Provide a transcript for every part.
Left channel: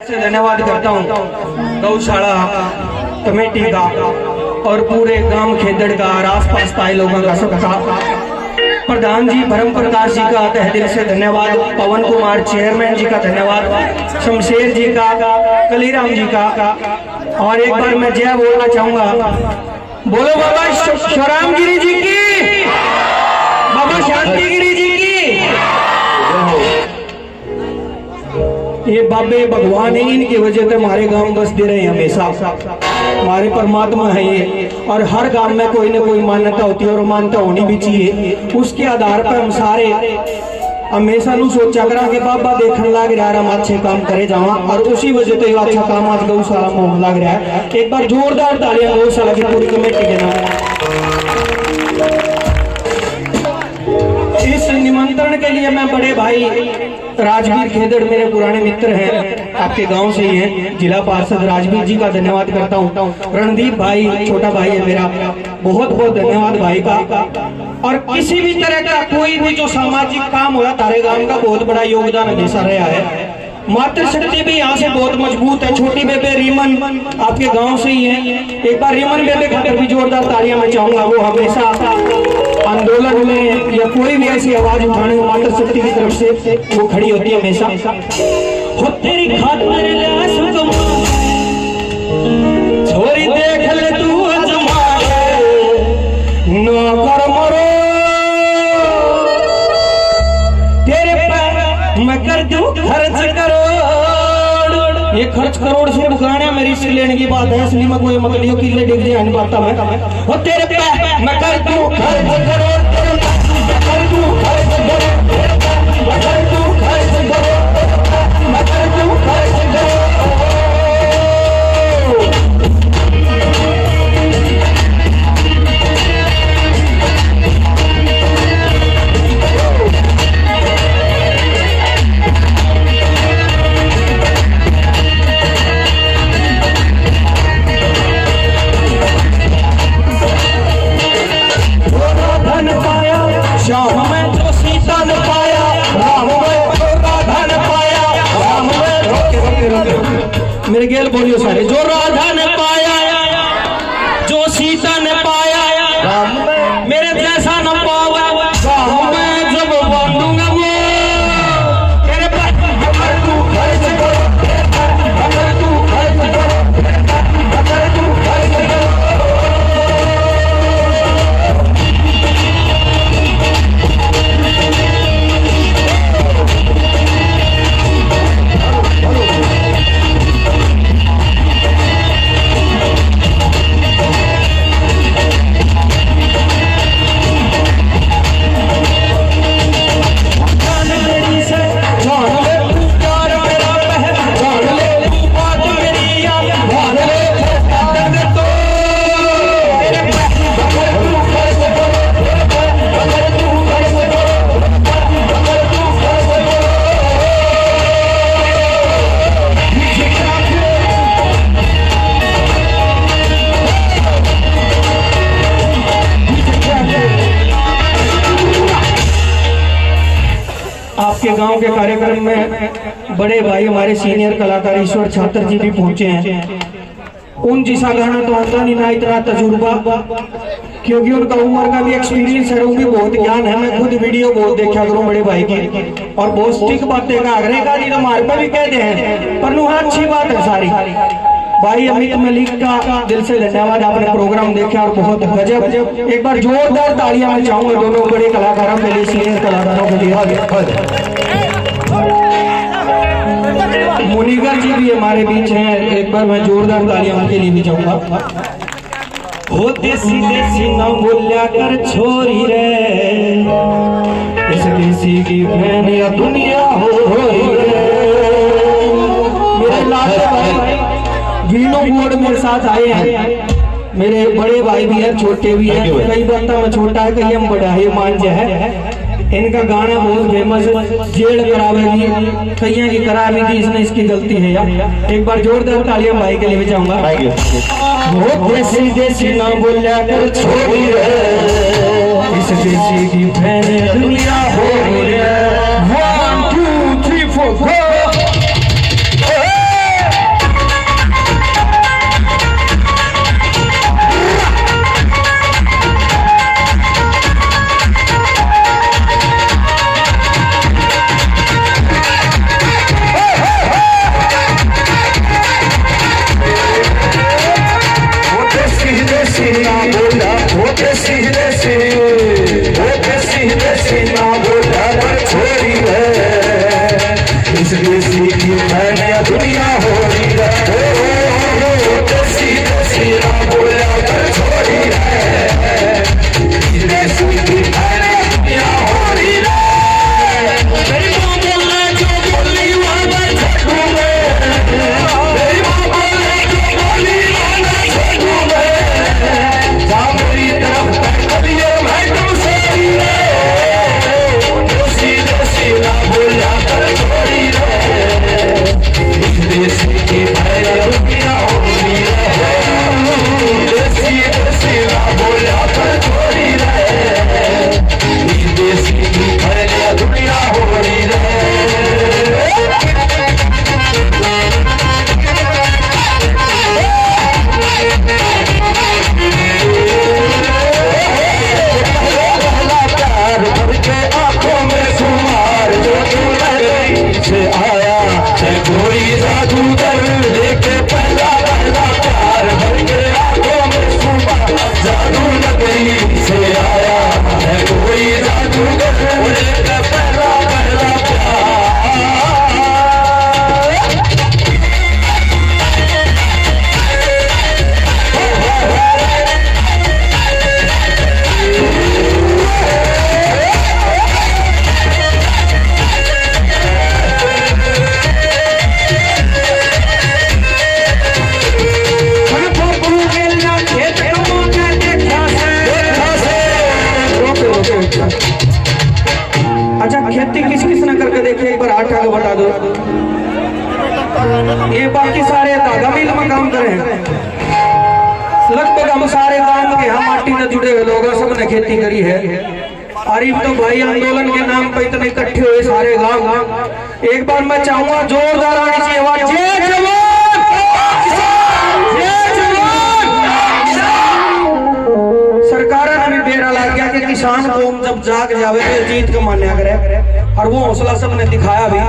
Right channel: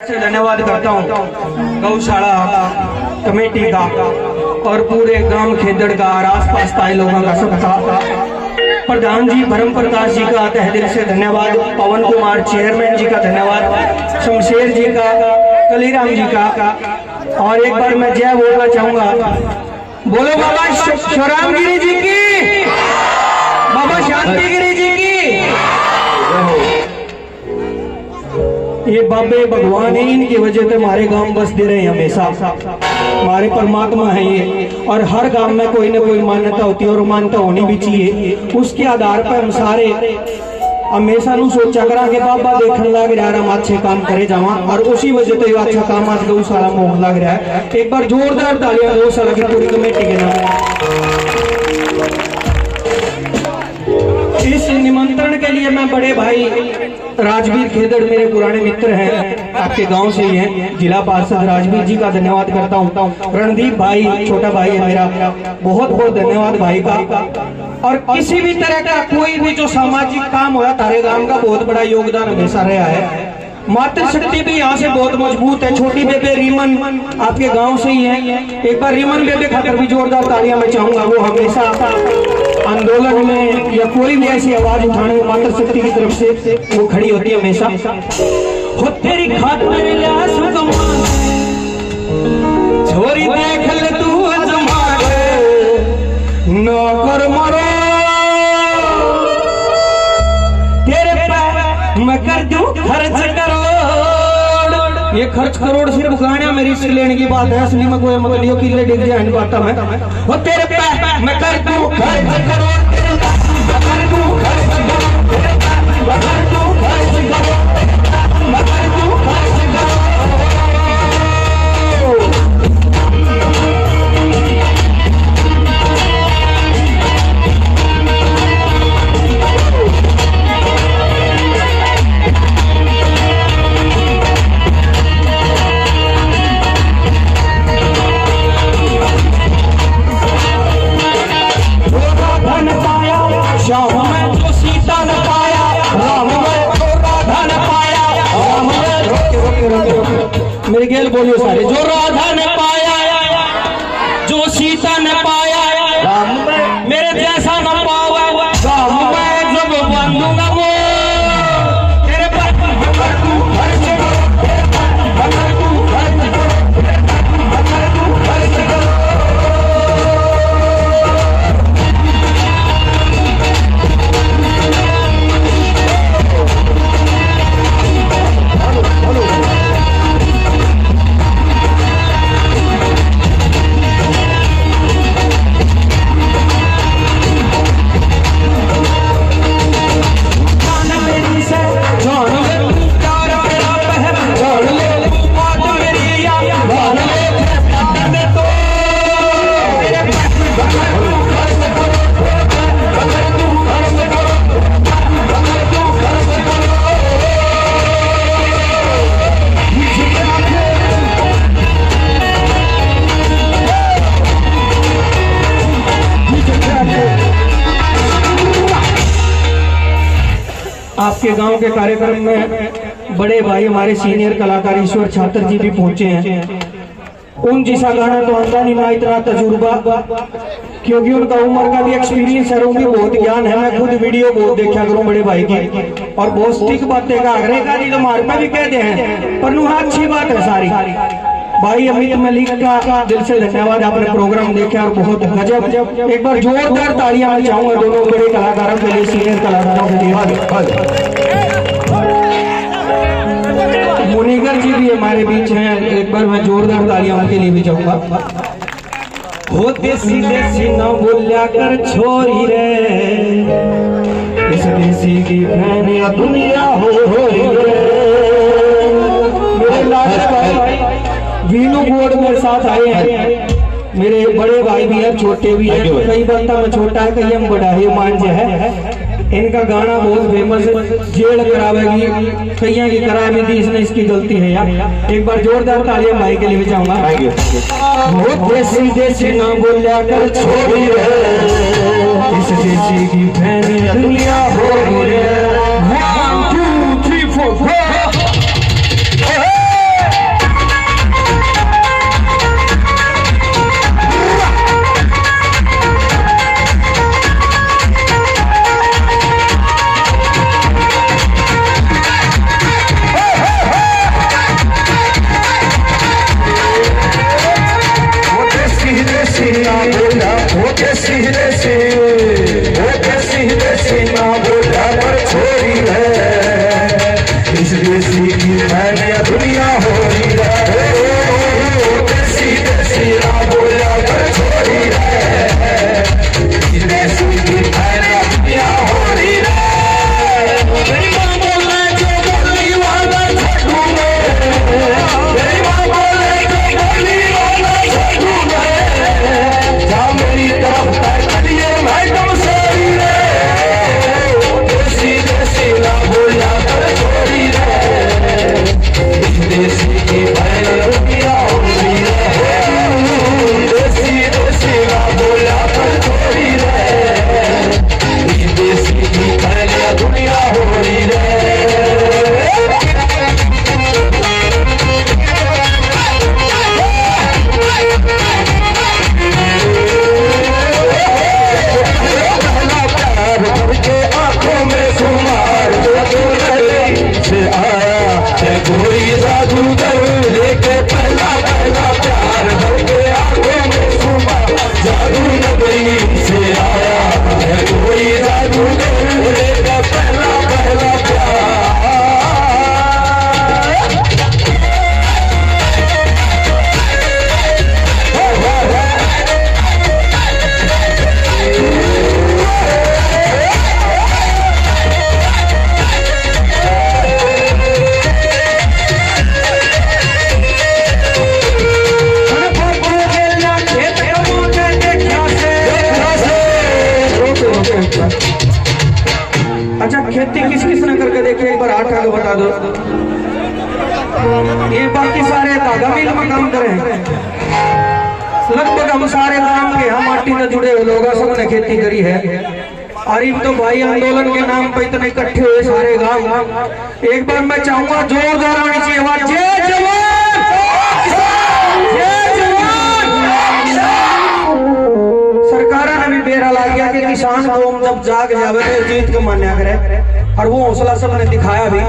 से धन्यवाद करता हूँ गौशाला कमेटी का और पूरे गांव खेदड़ का और आसपास पाए लोगों का सबका प्रधान जी ब्रह्म प्रकाश जी का तहे दिल से धन्यवाद, पवन कुमार चेयरमैन जी का धन्यवाद, शमशेर जी का, कलीराम जी का। और एक बार मैं जय बोलना चाहूंगा, बोलो बाबा शिवराम गिरी जी की, बाबा शांति गिरी जी की। ये बाबे भगवान है, इनकी वजह से हमारे गांव बस दे रहे हैं हमेशा। हमारे परमात्मा है ये, और हर गांव में कोई ना कोई मान्यता होती है और मान्यता होनी भी चाहिए। उसके आधार पर हम सारे हमेशा नु सोचा करा कि बाबा देखने लग रहा है हम अच्छे काम करे जावा, और उसी वजह से अच्छा काम आज गौशाला में होने लग रहा है। एक बार जोरदार तालियां गौशाला की पूरी कमेटी के नाम। इस निमंत्रण के लिए मैं बड़े भाई राजवीर खेदड़, मेरे पुराने मित्र हैं, आपके गांव से ही हैं, जिला पार्षद राजवीर जी का धन्यवाद करता हूं। रणदीप भाई छोटा भाई है मेरा, बहुत बहुत धन्यवाद भाई का। और किसी भी तरह का कोई भी जो सामाजिक काम हो रहा तारे गांव का बहुत बड़ा योगदान हमेशा रहा है। मातृशक्ति भी यहाँ से बहुत मजबूत है। छोटी बेबे रीमन आपके गांव से ही है, एक बार रीमन बेबे खातर भी जोरदार तालियां मैं चाहूंगा। वो हमेशा आंदोलन में या कोई भी ऐसी आवाज उठाने में मातृशक्ति की तरफ से वो खड़ी होती है हमेशा। हो तेरी खातिर ल्यास कमाल, छोरी देख ले तू अजमाल, नौकर मरो तेरे पे मैं कर दूं खर्च करोड़। ये खर्च करोड़ से गाना मेरी रिस्क लेने की बात है, असली में कोई मगलियों की ले डिग जाए नहीं पाता मैं। वो तेरे पे मैं कर दूं खर्च करोड़, कर दूं खर्च करोड़, कर दूं खर्च करोड़, कर दूं खर्च करोड़। मेरे गेल बोलियो सारे, जो राधा ने पाया, जो सीता ने पाया, मेरे जैसा न पावा गाँव में जब बंधूंगा वो तेरे पर तू खर्च करो, तू खर्च करो, तू खर्च करो। आपके गांव के कार्यक्रम में बड़े भाई हमारे सीनियर कलाकार ईश्वर छात्र जी भी पहुंचे हैं। उन जैसा गाना तो आता नहीं ना, इतना तजुर्बा, क्योंकि उनका उम्र का भी एक्सपीरियंस है, उनकी बहुत ज्ञान है। मैं खुद वीडियो बहुत देखा करूं बड़े भाई की, और बहुत ठीक बातें का आग्रह का नहीं मार पे भी कहते हैं, पर नुहा अच्छी बात है सारी। भाई अमित मलिक का दिल से धन्यवाद, आपने प्रोग्राम देखा और बहुत गजब। एक बार जोरदार तालियां मैं चाहूंगा दोनों बड़े कलाकारों के लिए, सीनियर कलाकारों के लिए। मुनिगर जी भी हमारे बीच हैं, एक बार मैं जोरदार तालियां उनके लिए भी चाहूंगा। होते सीधे सीना बोलिया कर छोरी रे, इस देसी की बहन या दुनिया हो रे। मेरे लाडले भाई वीणु बोर्ड मेरे साथ आए हैं, मेरे बड़े भाई भी हैं, छोटे भी हैं। कई बात में छोटा है, कई हम बड़ा है, मान जो है। इनका गाना बहुत फेमस है, जेल करावेगी, कईया की करा भी थी इसने, इसकी गलती है यार। एक बार जोरदार तालियां भाई के लिए भी जाऊंगा। बहुत देसी देसी ना बोलिया कर छोरी रे, इस देसी की बहन दुनिया हो रे। 1 2 3 4 go। देसी ना बोला वो देसी देसी, वो देसी देसी ना बोला पर छोड़ी है, इस देसी की मैंने दुनिया हो रही है, देसी देसी ना बोला पर छोड़ी है, इस देसी की मैंने दुनिया हो रही है। मेरी माँ बोले जो बोली वाला छोड़ू मैं, मेरी माँ बोले जो बोली वाला छोड़ू मैं, जा मेरी तरफ तकलिए मैं कम सोई रे, देसी देसी ना बोला कर छोड़ी रे, इस देसी की मैंने दुनिया हो रही है, देसी देसी ना बोला कर छोड़ी रे, इस देसी की मैंने दुनिया हो रही है। प्यार भर के आंखों में सुमार जो से आया है कोई जादूगर, लेके पहला पहला प्यार भर के आंखों में सुमार, जादू नगरी से आया है कोई जादूगर, लेके पहला पहला प्यार। अच्छा, खेती किस किस ने करके देखिए, एक बार हाथ आगे बता दो। ये बाकी सारे धागा मिल में काम करे हैं, लगभग हम सारे काम के हम माटी से जुड़े हुए लोग सबने खेती करी है। और इन तो भाई आंदोलन के नाम पे इतने इकट्ठे हुए सारे गांव। एक बार मैं चाहूंगा जोरदार आनी चाहिए आवाज, जय जवान, जय जवान। सरकार ने भी बेरा लग गया कि किसान को जब जाग जावे तो जीत को मान्या करे, और वो हौसला सबने दिखाया भी।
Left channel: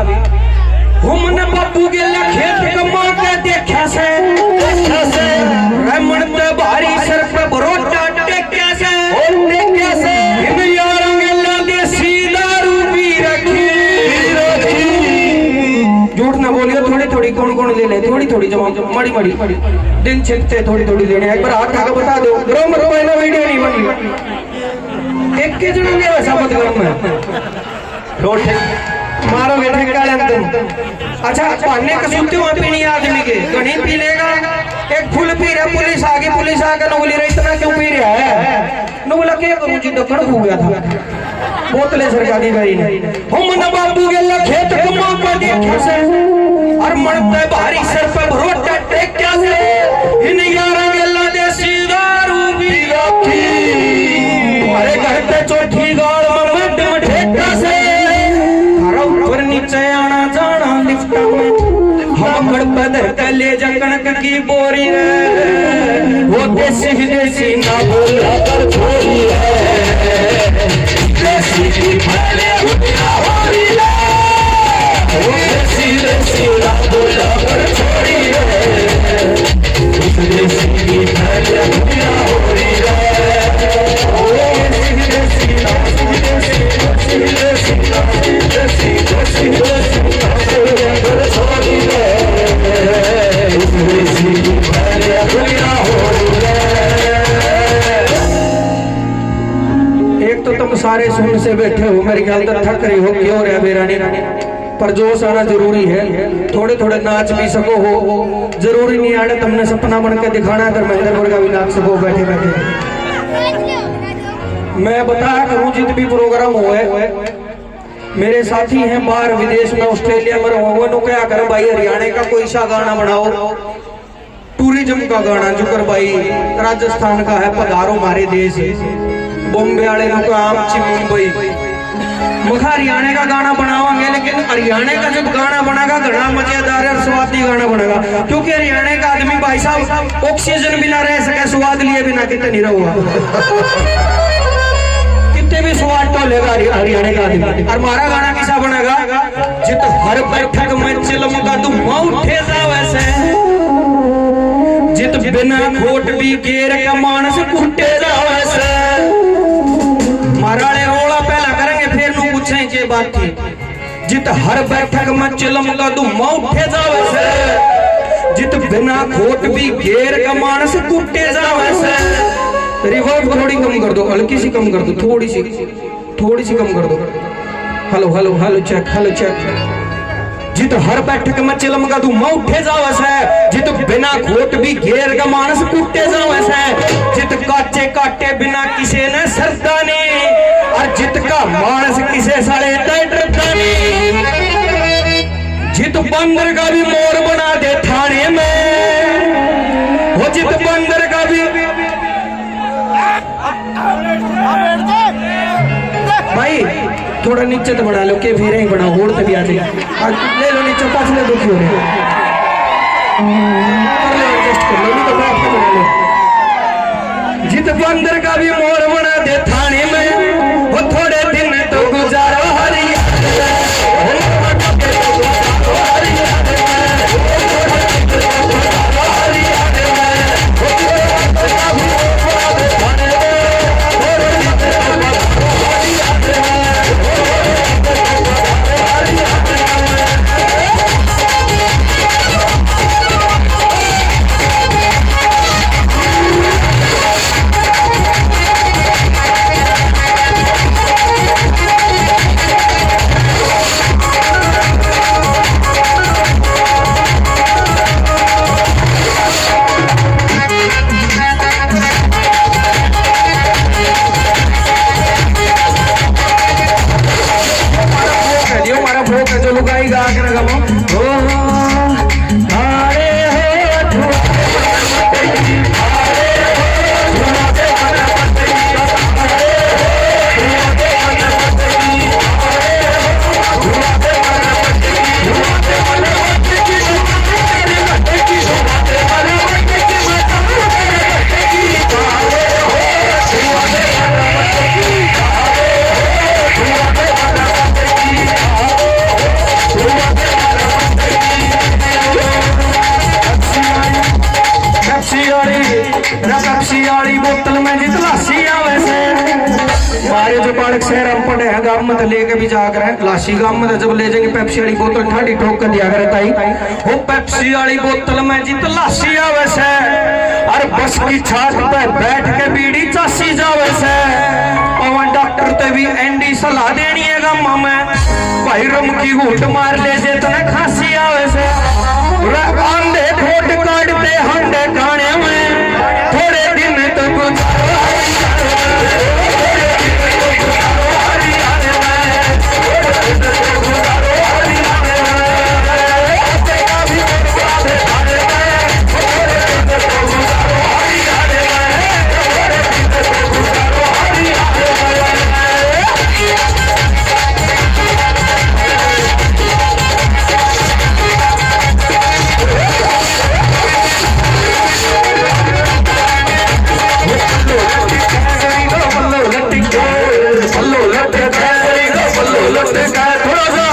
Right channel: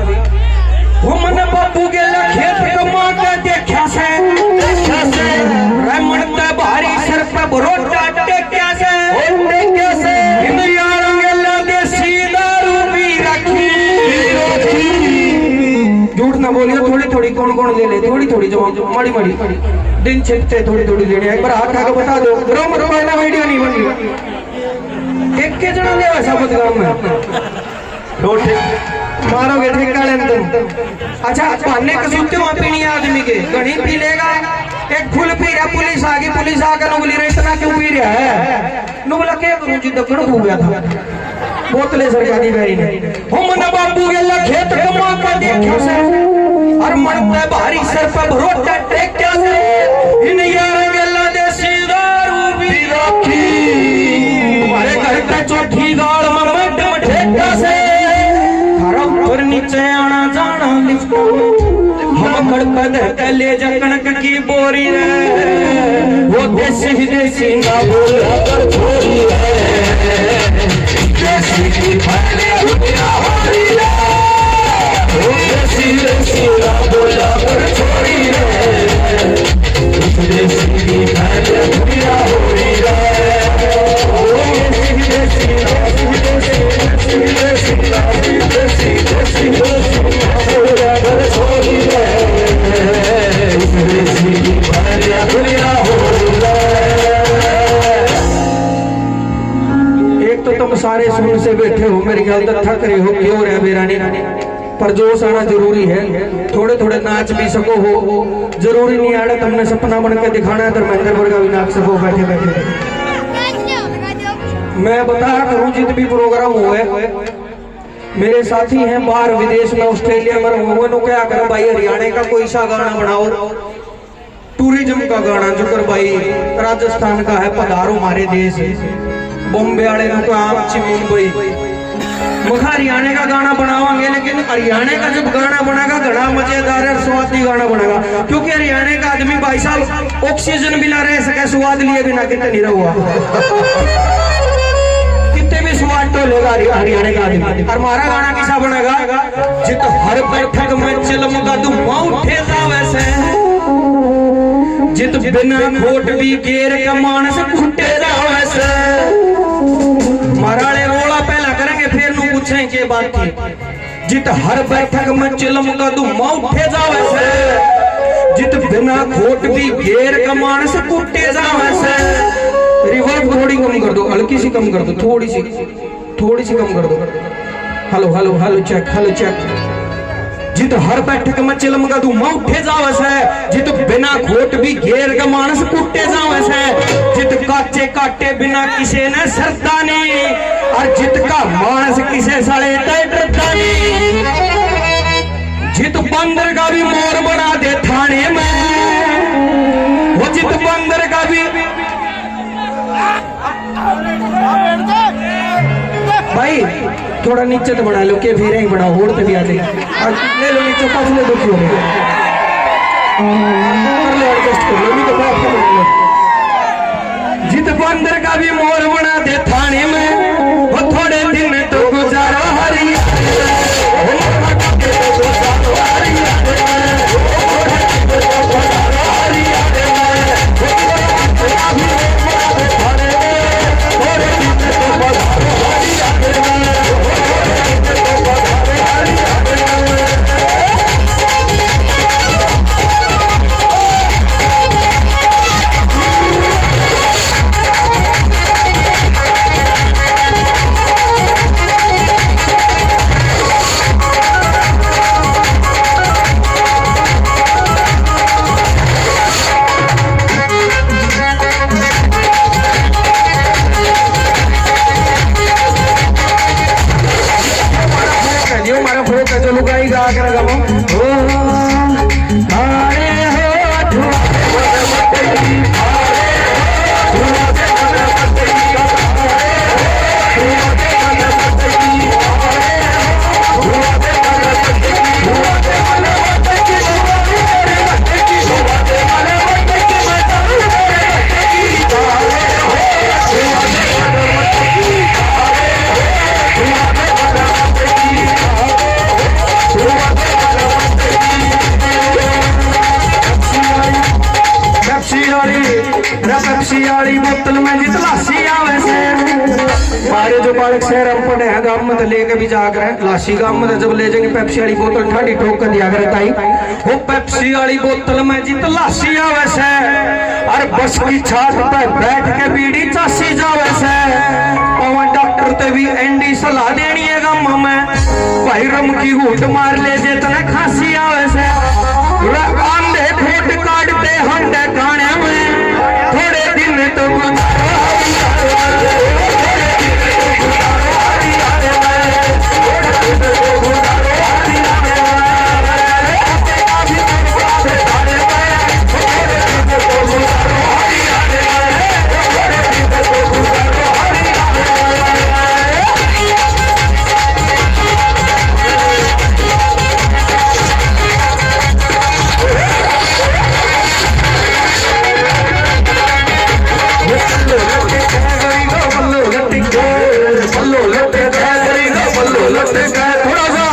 वो मन बापू के खेत कमा के देखा से मन भारी सर पे भरोटा टेक्या से इन यारों गल्ला देसी दारू पी रखी। झूठ ना बोलिए, थोड़ी थोड़ी कौन कौन ले ले, थोड़ी थोड़ी जो मड़ी मड़ी दिन छिपते थोड़ी थोड़ी लेने। एक बार हाथ आगे बता दो, ग्रो मत पाना, वीडियो नहीं बन रही। एक के जना ले वैसा मत गाँव में रोड मारोगे ठेका ले तुम। अच्छा, पहने के सुनते वहां पे नहीं आदमी के गणी पी लेगा, एक फूल पी रहा, पुलिस आ गई, पुलिस आकर बोली रही इतना क्यों पी रहा है, नु बोला क्या करूं जी, दक्कड़ हो गया था बोतले सरकारी गई ने। हम न बाबू गेला खेत कमा के देखा से, और मरते भारी सर पे भरोटा टेक्या से इन यार गेला देसी दारू पी रखी। अरे घर पे चौथी गाड़ में मैडम ठेका से, ऊपर नीचे आना जाना लिफ्ट में, हम घर पे ले जा कनक की बोरी है, वो देसी देसी ना बोला कर छोड़ी है, देसी की मैंने दुनिया हो रही है, वो देसी देसी ना बोला कर छोड़ी है, देसी की मैंने दुनिया हो रही है, वो देसी एक तो तुम सारे सुन से बैठे हो, मेरी ख्याल तक थक रहे हो, क्यों रहे बेरानी, पर जोश आना जरूरी है। थोड़े थोड़े नाच भी सको हो, जरूरी नहीं आड़ा तुमने सपना बन के दिखाना है, धर्मेंद्र मुर्गा भी नाच सको बैठे बैठे। मैं बताया करूं जित भी प्रोग्राम हुए, मेरे साथी हैं बाहर विदेश में, ऑस्ट्रेलिया में, वो क्या कर भाई हरियाणा का कोई सा गाना बनाओ, टूरिज्म का गाना जो कर भाई राजस्थान का है, पधारो हमारे देश, बॉम्बे वाले को आमची मुंबई, मखा हरियाणा का गाना बनाओगे, लेकिन हरियाणा का जब गाना बनेगा घना मजेदार और स्वादी गाना बनेगा, क्योंकि हरियाणा का आदमी भाई साहब ऑक्सीजन बिना रह सके, स्वाद लिए बिना कितने नहीं रहुआ कितने भी स्वाद तो लेगा हरियाणा का आदमी। और हमारा गाना किसा बनेगा, जित हर बैठक में चिलम का तुम उठे जा वैसे, जित बिना खोट भी घेर के मानस कुटे जावे से। महाराणे रोला पहला करेंगे फिर नु पूछें के बात थी। जित हर बैठक में चिलम का धुम्मा उठे जावे से, जित बिना खोट भी घेर का मानस कुटे जावे से। रिवर्ब थोड़ी कम कर दो, हल्की सी कम कर दो, थोड़ी सी कम कर दो। Hello hello hello check, hello check. जित हर बैठक में चिलम का धुम्मा उठे जावे से, जित बिना खोट भी घेर का मानस कुटे जावे से। जित काचे काटे बिना किसे ने सरदा नहीं, और जित का मानस किसे साले डरता नहीं। जित बंदर का भी मोर बना दे थाने में, वो जित बंदर का भी। भाई थोड़ा नीचे तो बढ़ा लो के फिर ही बढ़ा, होड़ पे भी आ जाएगा। ले लो नीचे, पास ले दो क्यों ले एडजस्ट कर लो, नहीं तो बैठ के बढ़ा लो। जित बंदर का भी मोर बना दे थाने में, वो थोड़े दिन तो गुजारा हरी। लुगाई गा कर गमो वाली बोतल में जितना सी आवे से। सारे जो बालक शहर हम पढ़े हैं गांव में तो लेके भी जाकर है लाशी गांव में तो जब ले जाएंगे पेप्सी वाली बोतल ठंडी ठोक कर दिया करे ताई। वो पेप्सी वाली बोतल में जित लाशी आवे से, अरे बस की छात पे बैठ के बीड़ी चासी जावे से। और डॉक्टर ते भी एंडी सलाह देनी है गांव में, भाई रम की घूट मार ले जे तना खांसी आवे से। आंधे खोट काटते हंडे खाने में थोड़े दिन तक थोड़ा सा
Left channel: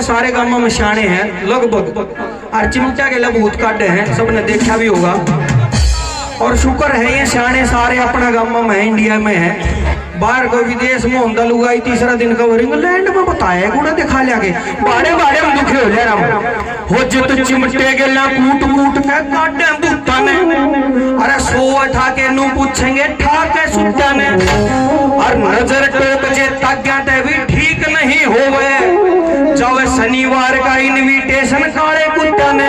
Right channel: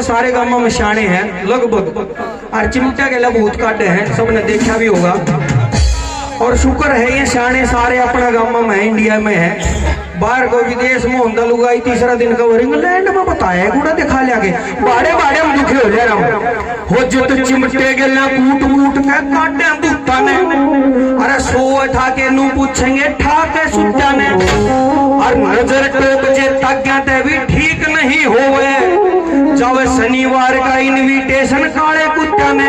सारे गांवों में शाने हैं लगभग, और चिमटा के लबूत काटे हैं सबने देखा भी होगा। और शुक्र है ये शाने सारे अपना गांव में इंडिया में है। बाहर कोई विदेश में होता लुगाई तीसरा दिन कवर इंग्लैंड में बताया कूड़ा दिखा लिया के बाड़े बाड़े हम दुखी हो जाए हो जो तो चिमटे के कूट कूट के काटे दूता ने। अरे सो था के नू पूछेंगे ठाके सुता ने, और नजर टोक जे तक भी ठीक नहीं होवे। जब शनिवार का इनविटेशन काले कुत्ता ने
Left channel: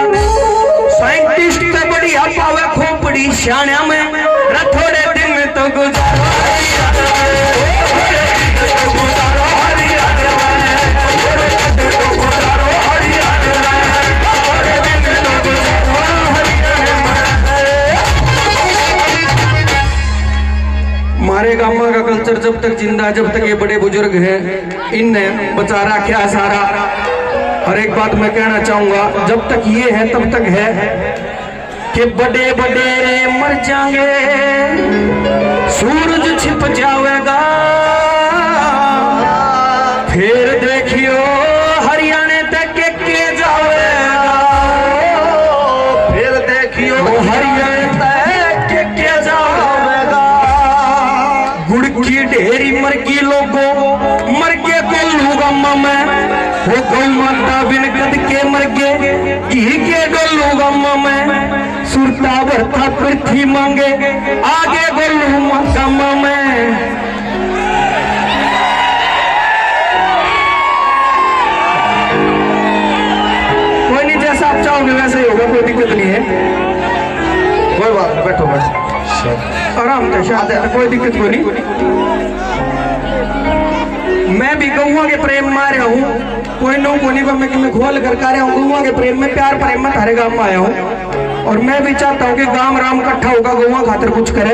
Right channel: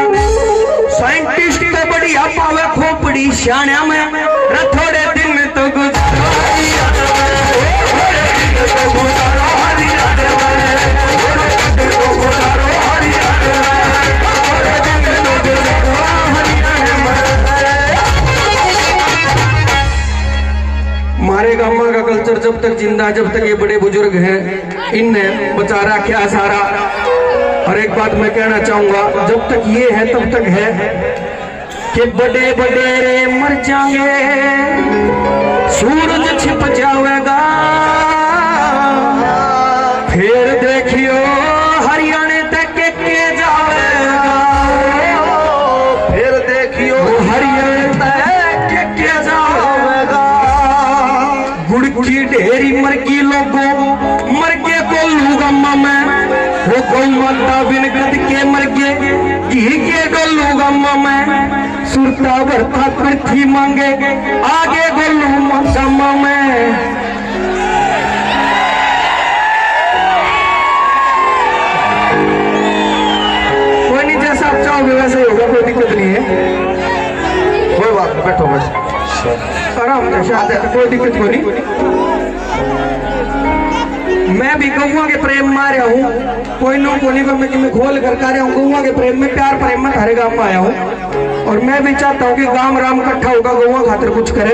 साइंटिस्ट के बढ़िया पावे खोपड़ी शाना में थोड़े दिन तो कल्चर जब तक जिंदा, जब तक ये बड़े बुजुर्ग हैं, इनने बेचारा क्या सारा। और एक बात मैं कहना चाहूंगा, जब तक ये है तब तक है कि बड़े बड़े मर जाएंगे, सूरज छिप जाएगा, फिर देखियो हरियाणा तक के जाएगा, फिर देखियो हरियाणा तक के जाएगा। गुड़ की ढेरी मर गई लोगों, मर के गोलू गम्मा में, वो गौ माता बिन गद के मर गए, घी के गोलू गम्मा में, सुरता भरता पृथ्वी मांगे, आगे गोलू गम्मा में। कोई नहीं, जैसा आप चाहोगे वैसे ही होगा, कोई दिक्कत नहीं है। कोई बात नहीं, बैठो बस आराम से, शायद है, कोई दिक्कत कोई नहीं। मैं भी गौवा के प्रेम में आ रहा हूँ, कोई नो कोनी को मैं खोल कर रहा हूँ। गौवा के प्रेम में, प्यार प्रेम में थारे गांव में आया हूँ, और मैं भी चाहता हूँ कि गांव राम इकट्ठा होगा, गौवा खातिर कुछ करे।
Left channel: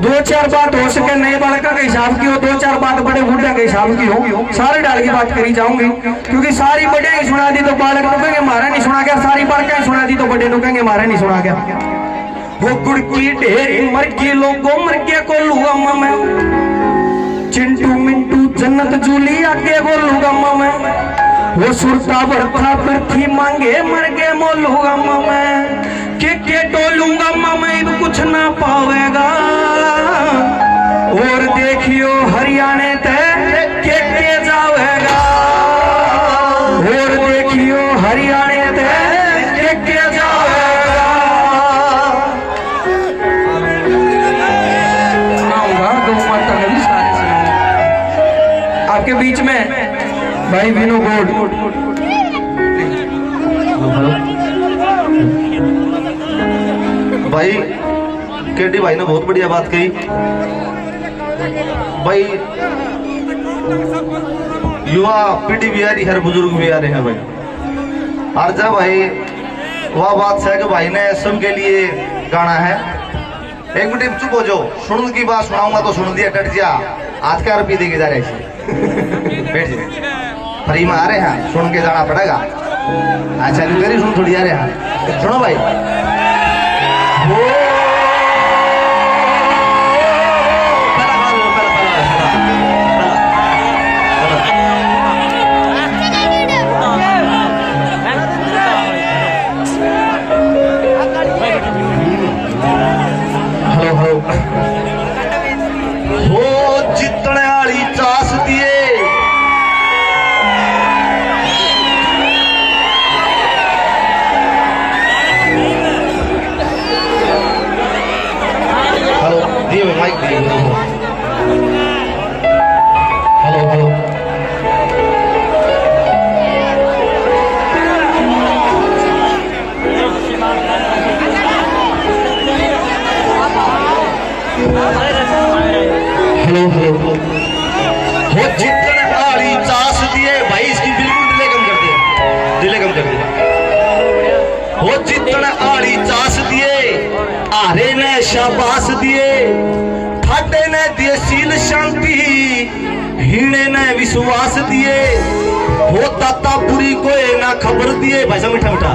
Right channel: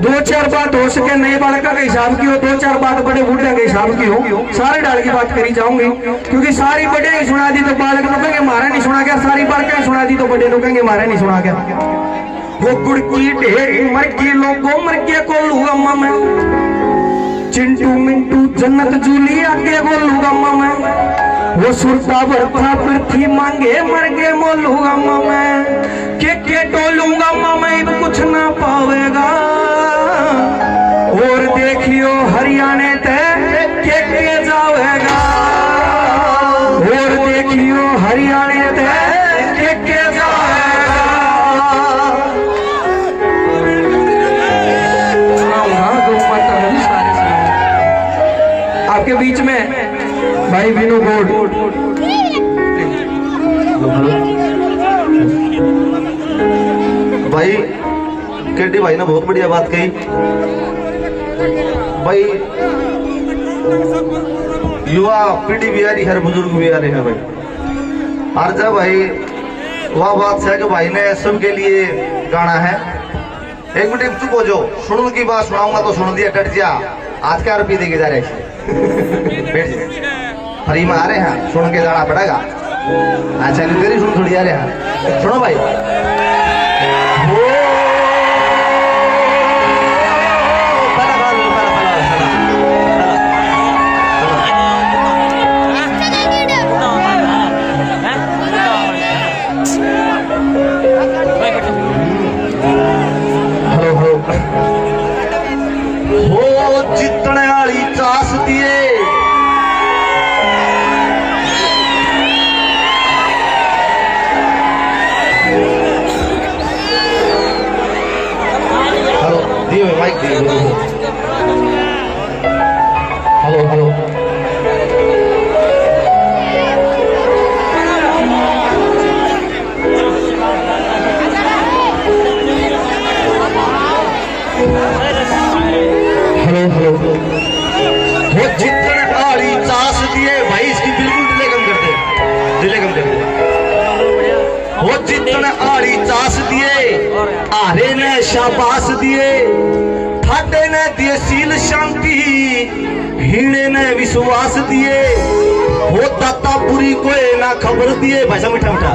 दो चार बात हो सके नए बालका के हिसाब की हो, दो चार बात बड़े बूढ़े के हिसाब की हो, सारे डाल की बात करी जाऊंगी। क्योंकि सारी बड़े नहीं सुना दी तो बालक तो कहेंगे मारा नहीं सुना गया, सारी बालका सुना दी तो बड़े लोग कहेंगे मारा नहीं सुना गया। वो गुड़ की ढेरी मर के लोगों, मर के को लूगा मैं, चिंटू मिंटू जन्नत जूली आगे बोलूंगा मैं, वो सुरता भरता पृथ्वी मांगे, मर के बोलूंगा मैं, के टोलूंगा मैं, कुछ ना पावेगा, और देखियो हरियाणा तक के जावेगा, और देखियो हरियाणा तक के जावेगा। आपके बीच में भाई विनो गोड, भाई केडी भाई ने बहुत बढ़िया बात कही। भाई युवा पीढ़ी भी आ रही है, बुजुर्ग भी आ रहे हैं भाई। और जब भाई वह बात है जो भाई ने सबके लिए गाना है, एक मिनट चुप हो जाओ, सुन की बात सुनाऊंगा तो सुन दिया, डट जा, आज क्या रुपये देके जा रहे बैठ जाए, फ्री में आ रहे हैं, सुन के जाना पड़ेगा। अच्छा तेरी सुन थोड़ी आ रहे हैं, सुनो भाई। शाबाश दिए ठाडे ने दिए सील शांति, हीणे ने विश्वास दिए, हो दाता बुरी कोई ना खबर दिए, भाई साहब मीठा मीठा,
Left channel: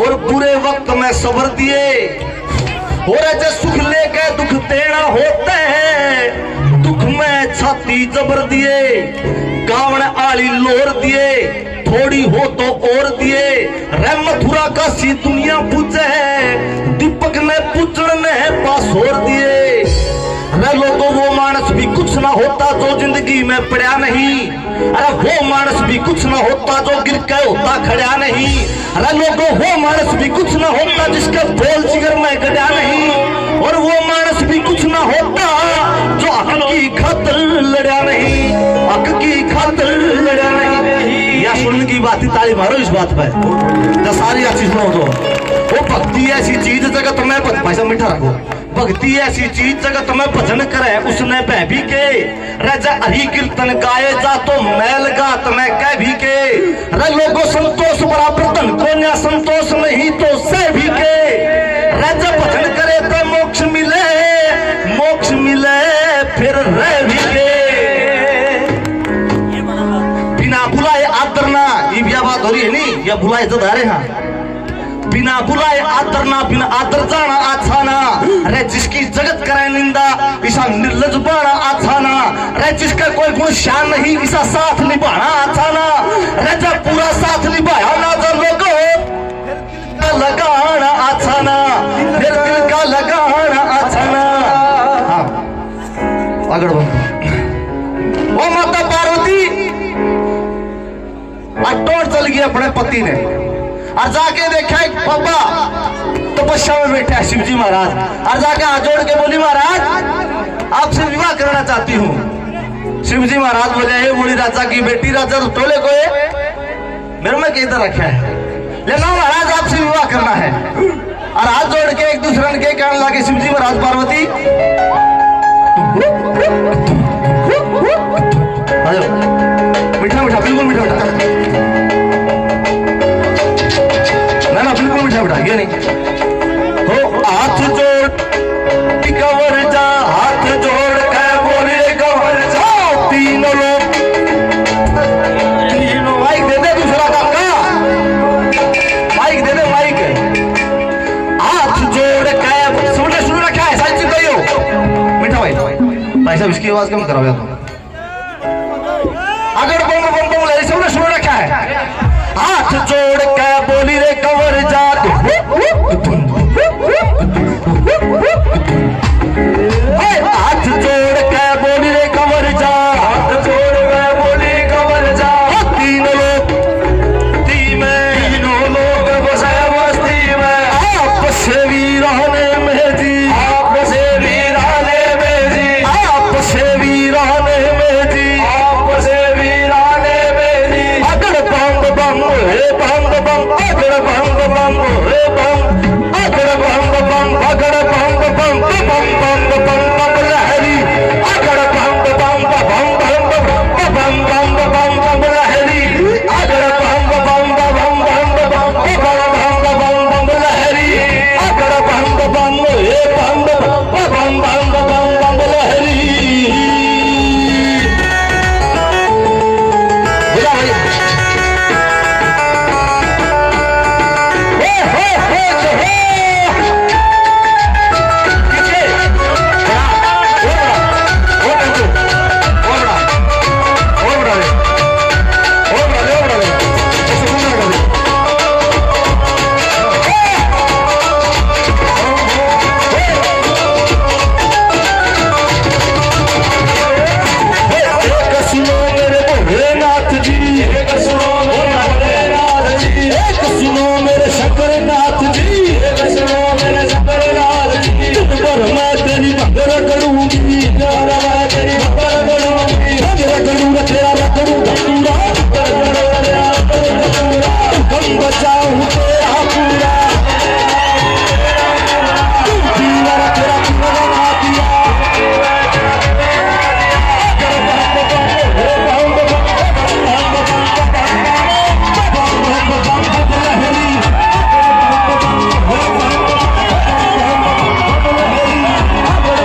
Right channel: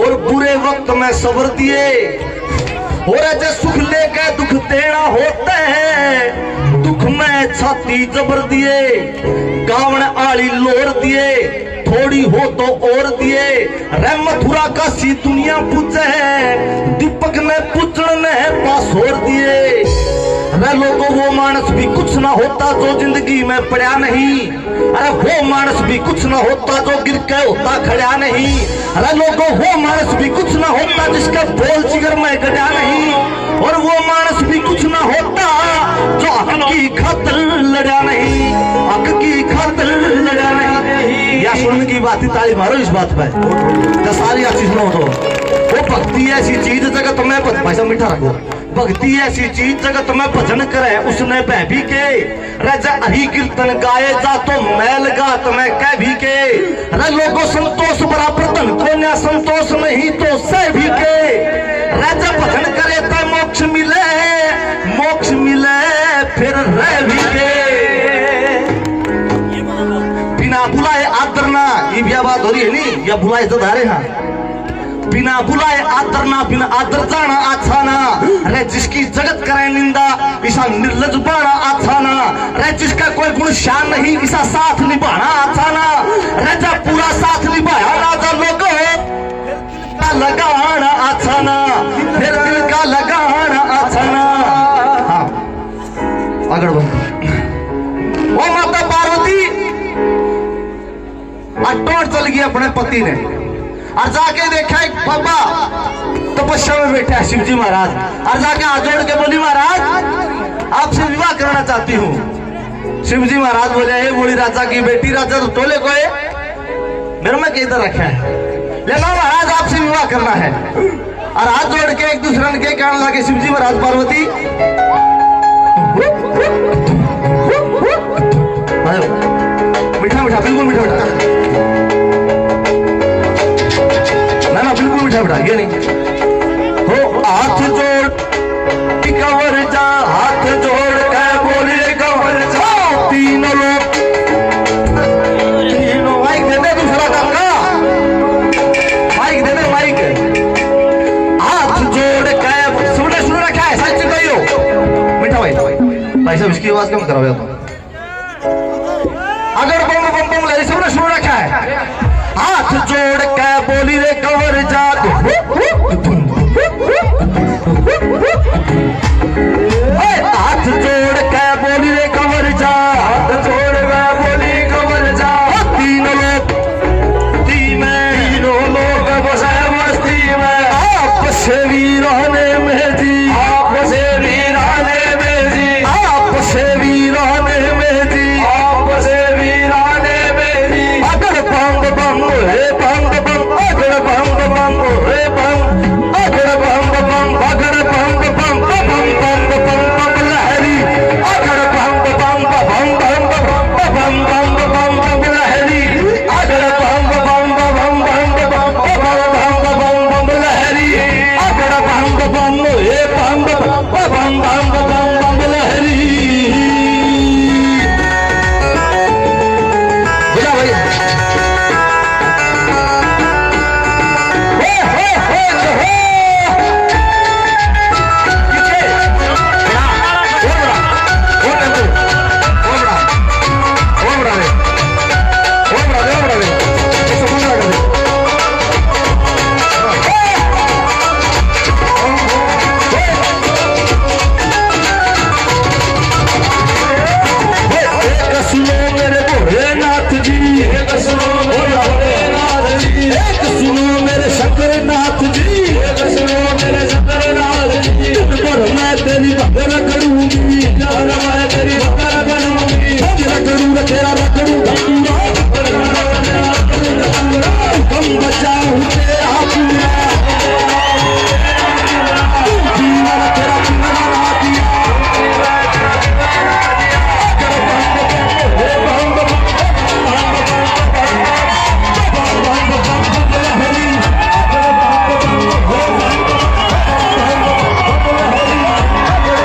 और बुरे वक्त में सबर दिए, और जो सुख लेके दुख देना होता है, दुख में छाती जबर दिए, गावण आली लोर दिए, थोड़ी हो तो और दिए, रे मथुरा का सी दुनिया पूछे, दीपक ने पूछन ने पास और दिए, रे लोगों वो मानस भी कुछ ना होता जो जिंदगी में पड़ा नहीं, अरे वो मानस भी कुछ ना होता जो गिर के होता खड़ा नहीं, अरे लोगों वो मानस भी कुछ ना होता जिसका बोल जिगर में गड़ा नहीं, और वो मानस भी कुछ ना होता जो हक की खातिर लड़ा नहीं, हक की खातिर लड़ा नहीं। या सुनने की बात, ताली मारो इस बात पे, तो सारी अच्छी सुनो तो। वो भक्ति ऐसी चीज जगत में, पैसा मीठा रखो, भक्ति ऐसी चीज जगत में भजन करे उसने बहभी के, राजा हरि कीर्तन गाए जा तो मैल गात में कह भी के, रे लोगों संतोष बराबर धन को न संतोष नहीं तो सह भी के, राजा भजन करे तो मोक्ष मिले, मोक्ष मिले फिर या बुलाए तो धारे हाँ बिना बुलाए आदर ना बिना आदर जाना अच्छा ना अरे जिसकी जगत करे निंदा ऐसा निर्लज बाना अच्छा ना अरे जिसका कोई गुण शान नहीं ऐसा साथ निभाना अच्छा ना अरे जब पूरा साथ निभाया ना जब लोगों का लगाना अच्छा ना फिर दिल का लगाना अच्छा ना हाँ आगे बढ़ो वो माता पार्वती अटोट चल गई अपने पति ने और जाके देखा एक बाबा तपस्या में बैठे हैं शिवजी महाराज और जाके हाथ जोड़ के बोली महाराज आपसे विवाह करना चाहती हूँ। शिवजी महाराज बोले हे बोली राजा की बेटी राजा तो तोले को मेरे में किधर रखा है लेकिन महाराज आपसे विवाह करना है और हाथ जोड़ के एक दूसरे के कहने लगे शिवजी महाराज पार्वती मीठा मीठा बिल्कुल मीठा मीठा ना बिल्कुल मीठा मीठा ये नहीं हो हाथ जोड़ कवर जा हाथ जोड़ के बोले कवर जा तीनों लोग तीनों माइक दे दे दूसरा काम का माइक दे दे माइक हाथ जोड़ के सुन रखा है सच कहियो मीठा भाई साहब इसकी आवाज कम कराओ अगर बम बम बम ले सबने सुन रखा है हाथ जोड़ के बोली रे कवर जा हाथ जोड़ के बोली रे कवर जा हाथ जोड़ के बोली कवर जा तीनों लोग तीनों लोग बसे मस्ती में आपसे वीराने में जी आपसे वीराने में जी आपसे वीराने में जी आपसे वीराने में जी अगर बंग बंग रे बंग बंग अगर बंग बंग रे बंग अगर बंग बंग अगर बंग बंग बंग बंग बंग बंग लहरी अगर बंग बंग बंग बंग बंग बंग बंग बंग लहरी अगर बंग बंग बंग बंग बंग बंग बंग बंग लहरी अगर बंग बंग रे बंग बंग बंग बंग बंग लहरी बोला भाई सुनो मेरे शंकरनाथ जी सुनो मेरे शंकरनाथ जी तुम पर मैं तेरी भक्ति करूंगी मैं तेरी